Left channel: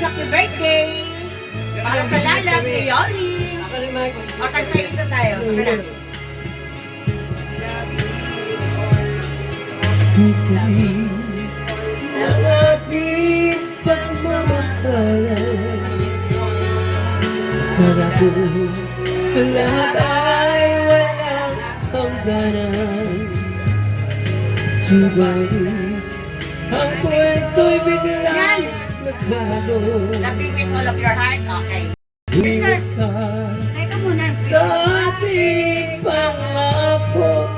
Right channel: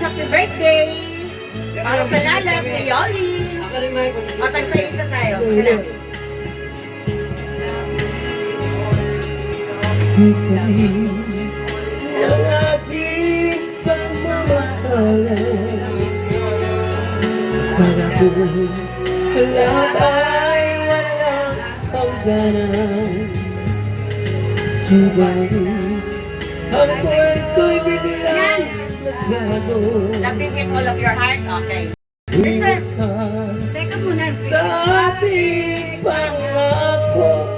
happy birthday! Para sa Lala, kay Yoli. O, tagsa-isa tayo. Sige na. Lalapit pang mamahalan para kung lahat ay walang hangganan. Subalit ang kwento'y biglang nagbago. Laughing with all of your heart? Okay. Mister, teka muna. Sa ating pangako,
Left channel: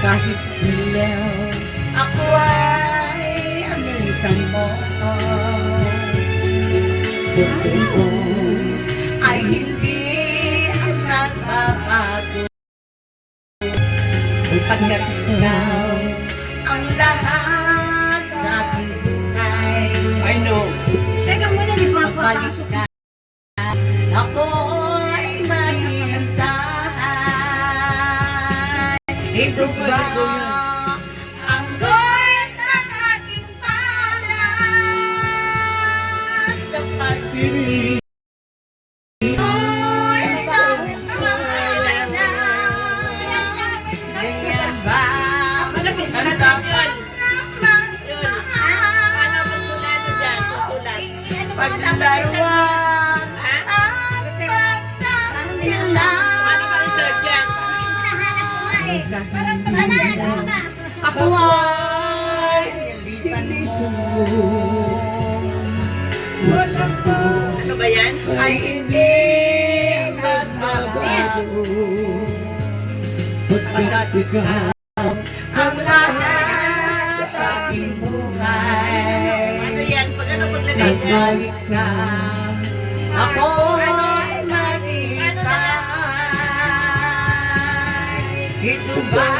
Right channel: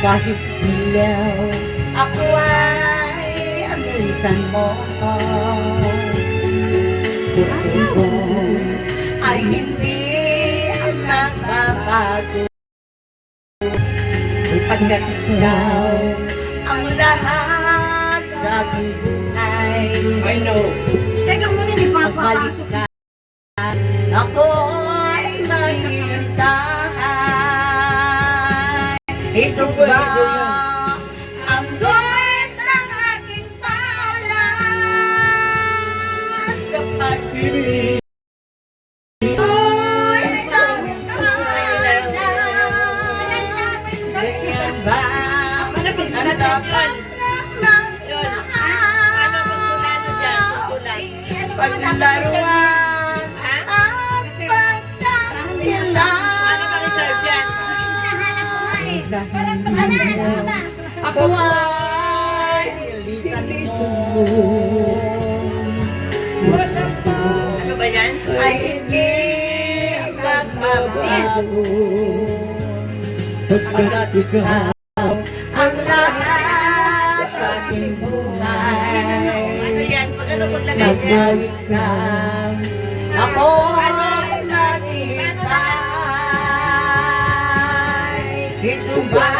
Kahit ilaw, ako ay anilisan mo. Puso ko ay hindi ang magbabago. Pagkat ikaw ang lahat sa aking buhay. I know. Teka muna, di ba papasok ka? Ako ay mahihintahan. Ito ba ang guhit ng aking palad sa pag-ibig? Ako'y isang mahal na. Ganyan ba? Ano magsulat yun? Ano magsulat dyan? Magsulat. Paglaruan ang pagtanggilan. Ano ba reserve dyan? Ako ay nilisan mo. Ano ba yan? Ay hindi magbabago. Pagkat ikaw Ang lahat sa aking buhay. Ano yan? Pag ano paglagay siya? nagbalik ka. Ako ay maghintay. Ito ba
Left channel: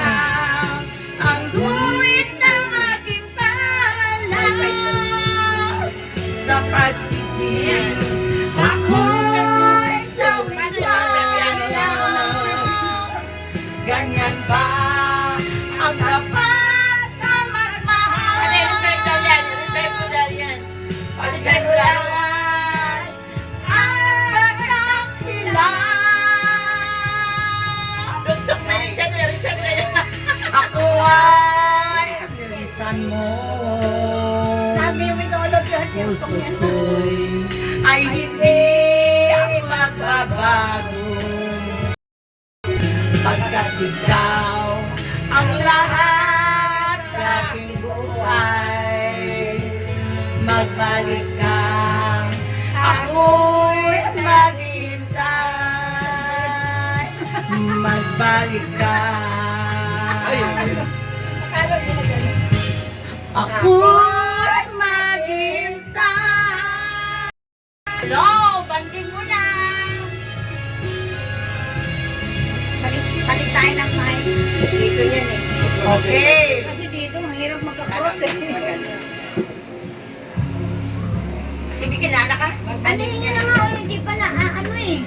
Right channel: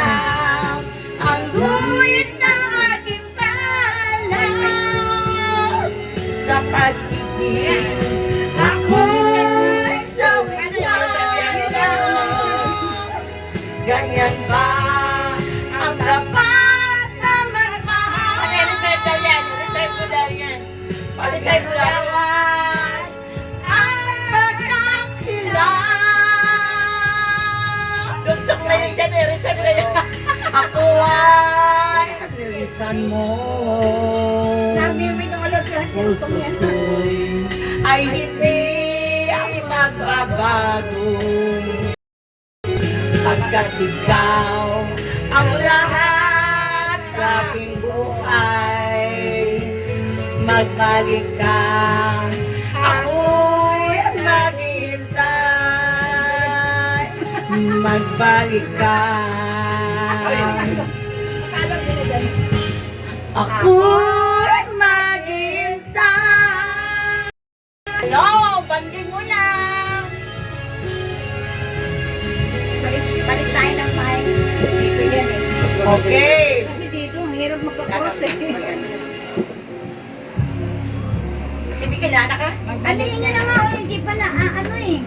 ang guhit ng aking palad sa pag-ibig? Ako ay isang ganyan ba ang dapat na magmahal? Reserve daw yan. Reserve mo daw yan. Reserve mo daw. Ang pagkaksilan. Dugtog na yun dyan. Reserve na yan. Ako ay nilisan mo. Puso ko'y ay hindi ang magbabago. Pagkat ikaw ang lahat sa aking buhay. Magbalik ka, ako'y maghihintay. Magbalik ka. Ako'y maghihintay. Hello, bandi mo na. Balik tayo ng mic. Dito yan eh. Okay. Kasi dito, mahirap magka-cross eh. Tibi ka na ka? Ano yun na nga, hindi pa na, ano eh.